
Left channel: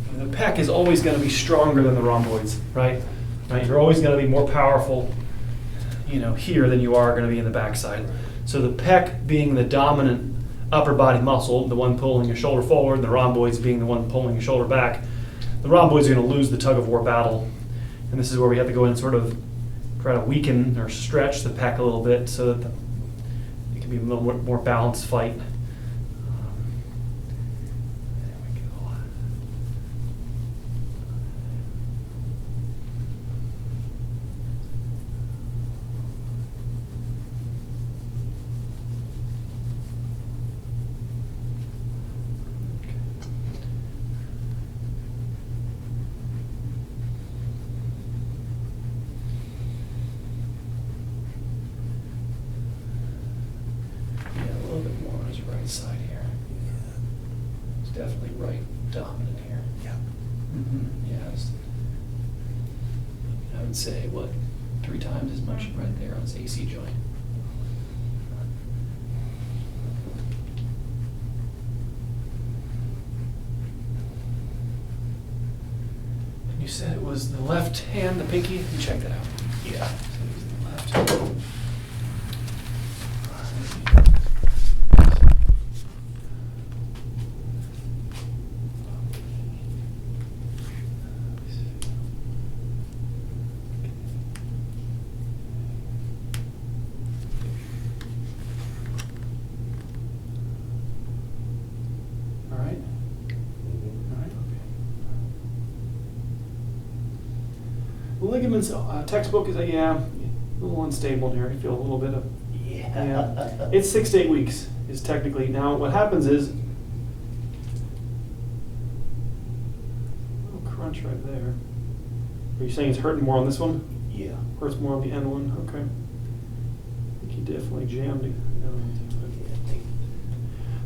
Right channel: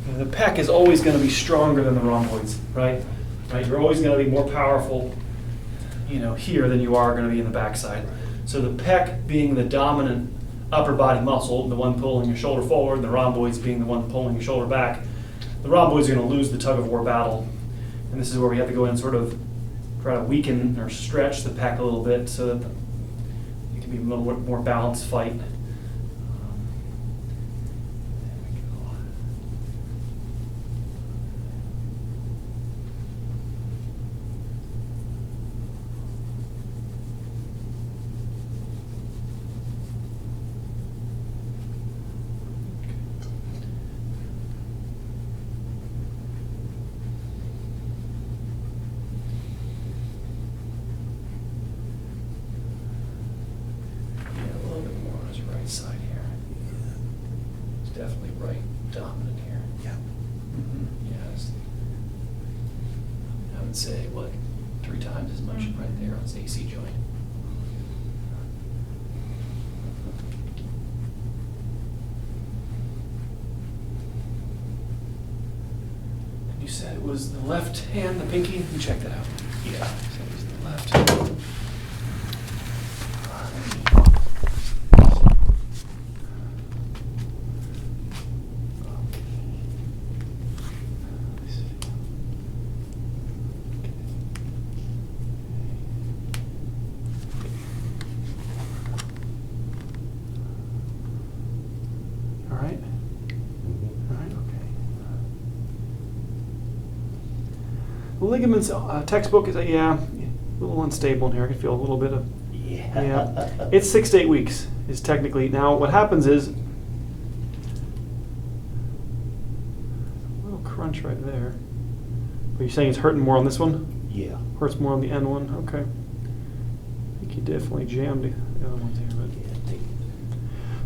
And the pec is always going to be stronger than the rhomboids, right? Right. You're always going to be more powerful, here than you are going to be in the backside. So the pec being the dominant upper body muscle, the one pulling your shoulder forward, and the rhomboids being the one pulling your shoulder back, the rhomboids are going to lose the tug of war battle. And this is where we have to go in and sort of try to weaken or stretch the pec a little bit so that you can can be a little more balanced fight. There we go. Yeah, a little bit more on his right side here. It's definitely right dominant here. Yeah. Yeah, I would say, what, 3 times as much right there on his AC joint. And you said it was the left hand, the pinky? You check that out. Yeah. So it was the left. All right. All right, okay. The ligaments textbook is a little unstable in here. I can feel a little bit of yeah. It's 6 to 8 weeks is technically. Now what happens is a little crunch right there. Are you saying it's hurting more on this one? Yeah. Hurts more on the end one? Okay. I think you definitely jammed the other ones here.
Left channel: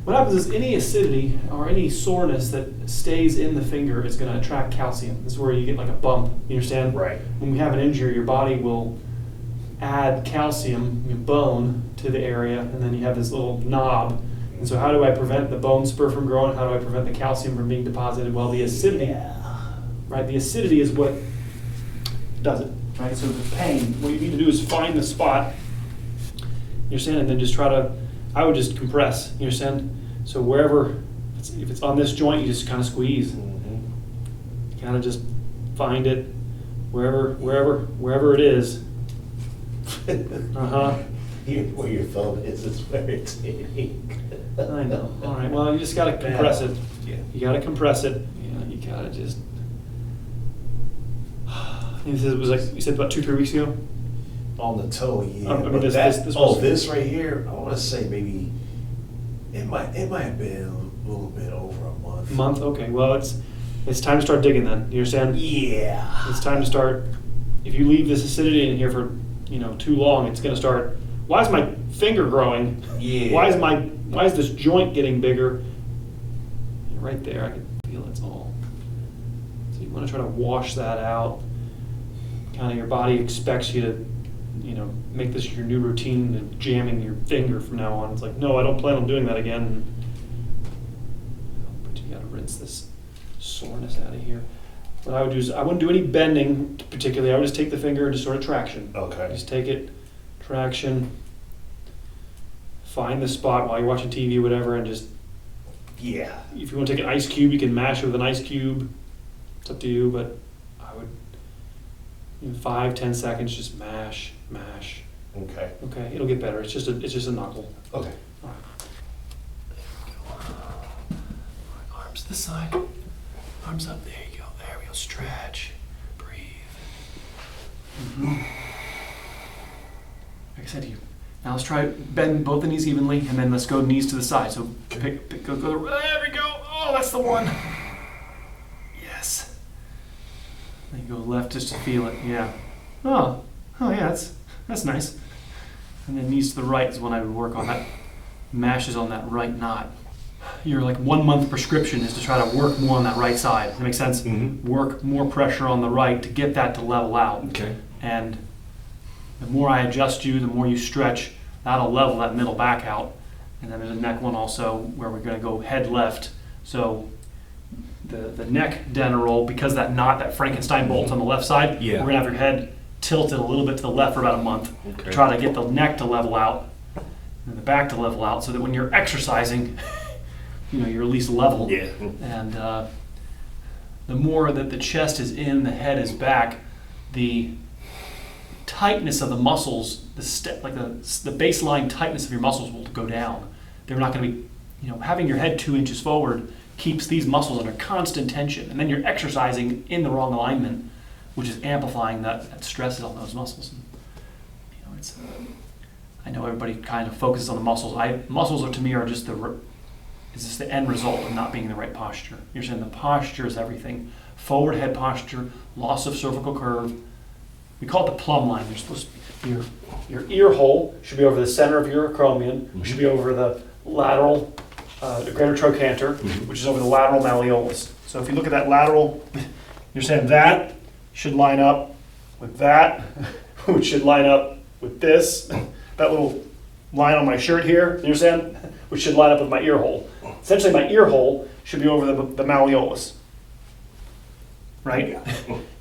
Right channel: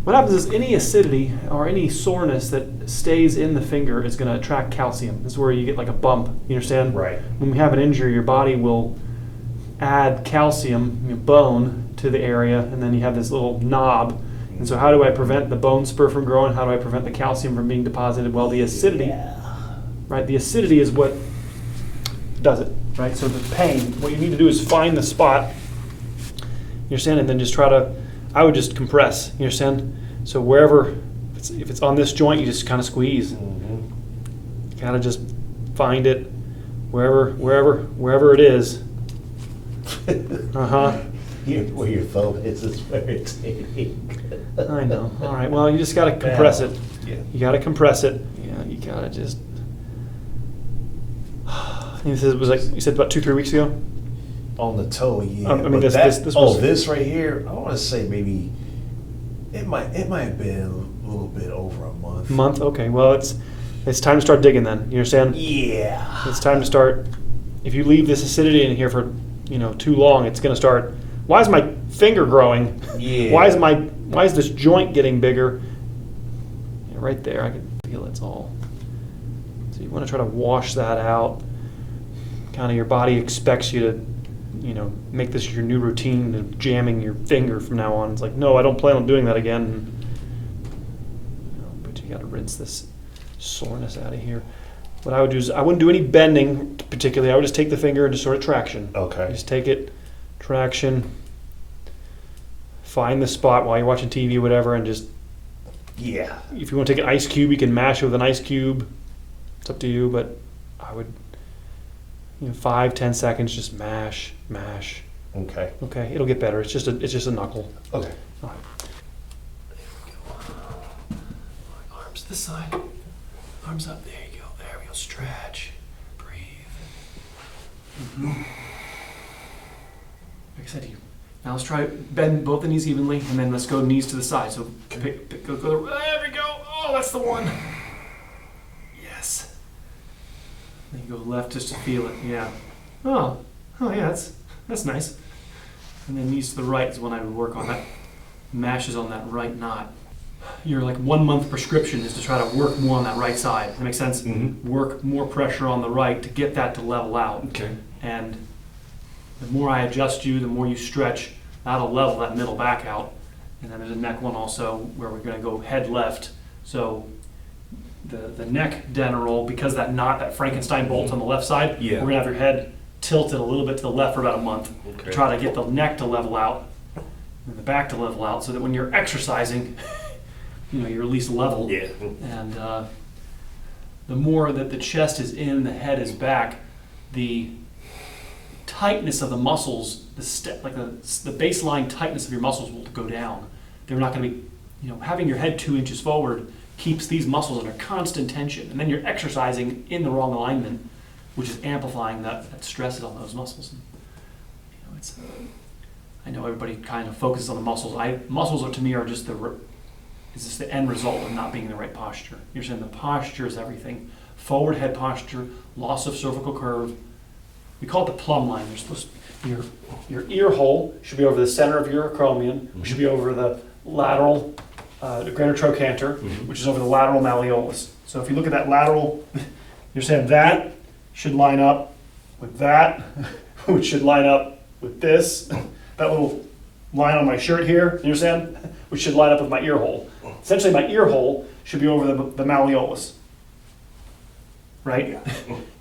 But what happens is any acidity or any soreness that stays in the finger is going to attract calcium. This is where you get like a bump. You understand? Right. When we have an injury, your body will add calcium, bone, to the area, and then you have this little knob. And so how do I prevent the bone spur from growing? How do I prevent the calcium from being deposited? Well, the acidity, right? The acidity is what does it, right? So the pain, what you need to do is find the spot, you understand, and then just try to, I would just compress, you understand? So wherever, if it's on this joint, you just kind of squeeze. Mm-hmm. Kind of just find it wherever it is. Uh-huh. Where your thumb is very irritating. I know. All right. Well, you just got to compress it. Yeah. You got to compress it. Yeah. You got to just. This was like you said about 2-3 weeks ago. On the toe, yeah. I mean, But this was- this right here, I want to say maybe it might have been a little bit over a month. Month. Okay. Well, it's time to start digging then. You understand? Yeah. It's time to start. If you leave this acidity in here for too long, it's going to start. Why is my finger growing? Yeah. Why is this joint getting bigger? Yeah, right there, I can feel it's all. So you want to try to wash that out. Kind of your body expects you to, make this your new routine of jamming your finger from now on. It's like, no, I don't plan on doing that again. But you got to rinse this soreness out of here. What I would do is I wouldn't do any bending particularly. I would just take the finger and just sort of traction. Okay. Just take it, traction, find the spot while you're watching TV or whatever, and just, Yeah. if you want to take an ice cube, you can mash it with an ice cube. It's up to you, but I would, 5-10 seconds, just mash. Okay. Okay, it'll get better. It's just a knuckle. Okay. All right. There we go. Arms to the side. Arms up. There you go. There we go. Stretch. Breathe. Like I said to you. Now let's try bend both the knees evenly, and then let's go knees to the side. So go. There we go. Oh, that's the one. Yes. Then you go left just to feel it. Yeah. Oh yeah. That's nice. And then knees to the right is when I would work on that. Mashes on that right knot. Your 1 month prescription is to try to work more on that right side. Does that make sense? Mm-hmm. Work more pressure on the right to get that to level out. Okay. And the more I adjust you, the more you stretch, that'll level that middle back out. And then there's a neck one also where we're going to go head left. So the neck dental roll, because that knot, that Frankenstein bolt's on the left side, Yeah. we're going to have your head tilted a little bit to the left for about a month Okay. to try to get the neck to level out and the back to level out so that when you're exercising, you're at least level. Yeah. And the more that the chest is in, the head is back, the tightness of the muscles, like the baseline tightness of your muscles will go down. They're not going to be, having your head 2 inches forward keeps these muscles under constant tension, and then you're exercising in the wrong alignment, which is amplifying that stress on those muscles. And, it's. I know everybody kind of focuses on the muscles. Muscles to me are just the end result of not being in the right posture. You're saying the posture is everything. Forward head posture, loss of cervical curve. We call it the plumb line. You're supposed to be, your ear hole should be over the center of your acromion, which should be over the lateral, the greater trochanter, which is over the lateral malleolus. So if you look at that lateral, you're saying that should line up with that, which should line up with this, that little line on my shirt here, you understand? Which should line up with my ear hole. Essentially, my ear hole should be over the malleolus, right?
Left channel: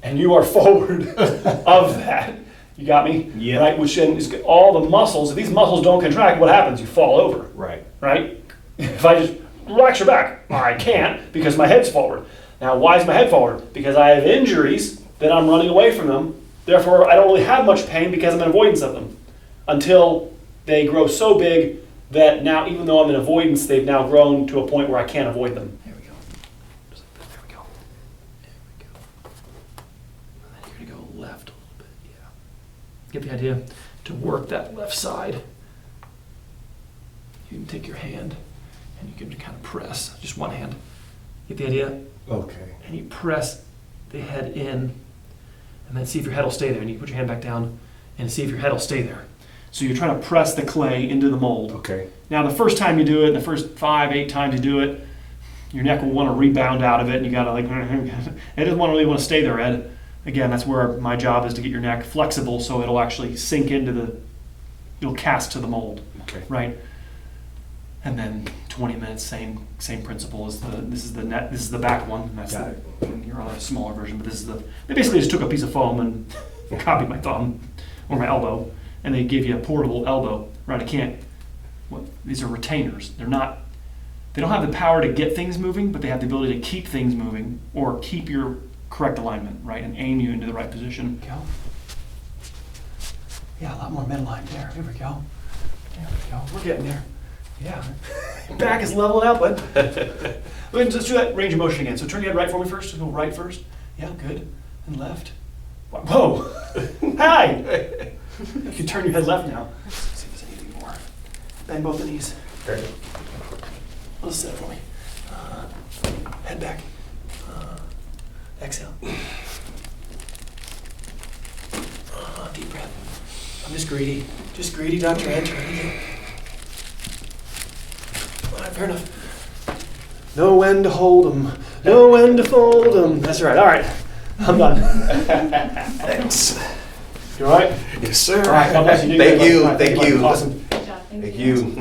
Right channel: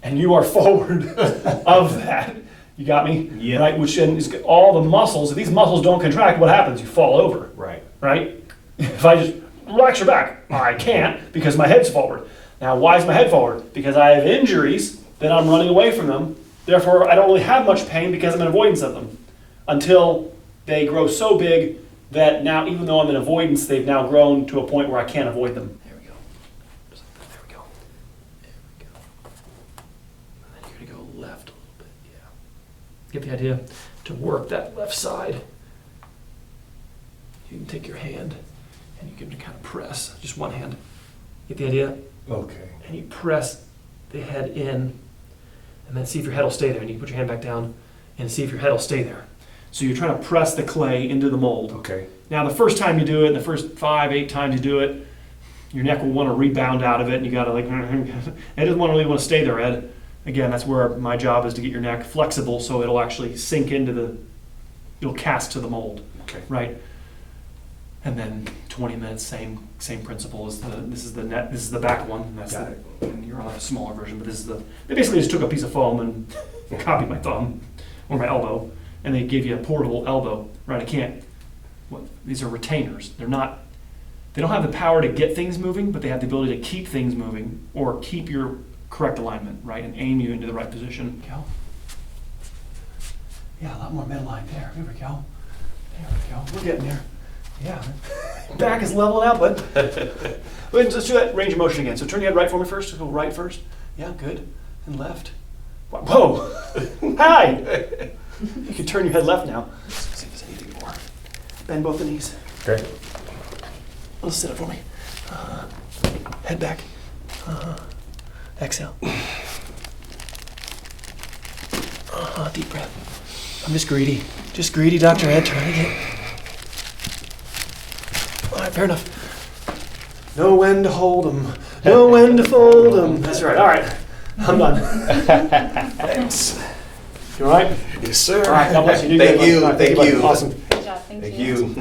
And you are forward of that. You got me? Yeah. Right? Which then is all the muscles. If these muscles don't contract, what happens? You fall over. Right. Right? If I just relax your back, I can't because my head's forward. Now, why is my head forward? Because I have injuries that I'm running away from them. Therefore, I don't really have much pain because I'm in avoidance of them until they grow so big that now, even though I'm in avoidance, they've now grown to a point where I can't avoid them. There we go. Just like that. There we go. There we go. And then you're going to go left a little bit. Yeah. Get the idea? To work that left side, you can take your hand and you can kind of press, just one hand. Get the idea? Okay. And you press the head in, and then see if your head will stay there. And you put your hand back down and see if your head will stay there. So you're trying to press the clay into the mold. Okay. Now, the first time you do it, the first 5-8 times you do it, your neck will want to rebound out of it, and you got to it doesn't really want to stay there, Ed. Again, that's where my job is to get your neck flexible so it'll actually sink into it'll cast to the mold. Okay. Right. And then 20 minutes, same principle as this is the back one. And that's Got and you're on a smaller version, but this is they basically just took a piece of foam and copied my thumb or my elbow, and they gave you a portable elbow, right? These are retainers. They don't have the power to get things moving, but they have the ability to keep things moving or keep your correct alignment, right? And aim you into the right position. Go. Yeah, a lot more midline there. Here we go. There we go. We're getting there. Yeah. Back is leveling out, bud. Let's do that range of motion again. So turn your head right for me first. Just go right first. Yeah, good. And left. Whoa. Hi. You can turn your head left now. Let's see if there's anything more. Bend both the knees. Okay. Let's sit up for me. Head back. Exhale. Deep breath. I'm just greedy. Just greedy, Dr. Ed. Trying to get. All right, fair enough. Know when to hold 'em. Know when to fold 'em. That's right. All right. I'm done. Thanks. You all right? Yes, sir. All right. God bless you. Thank you. Thank you. Awesome. Good job. Thank Thank you.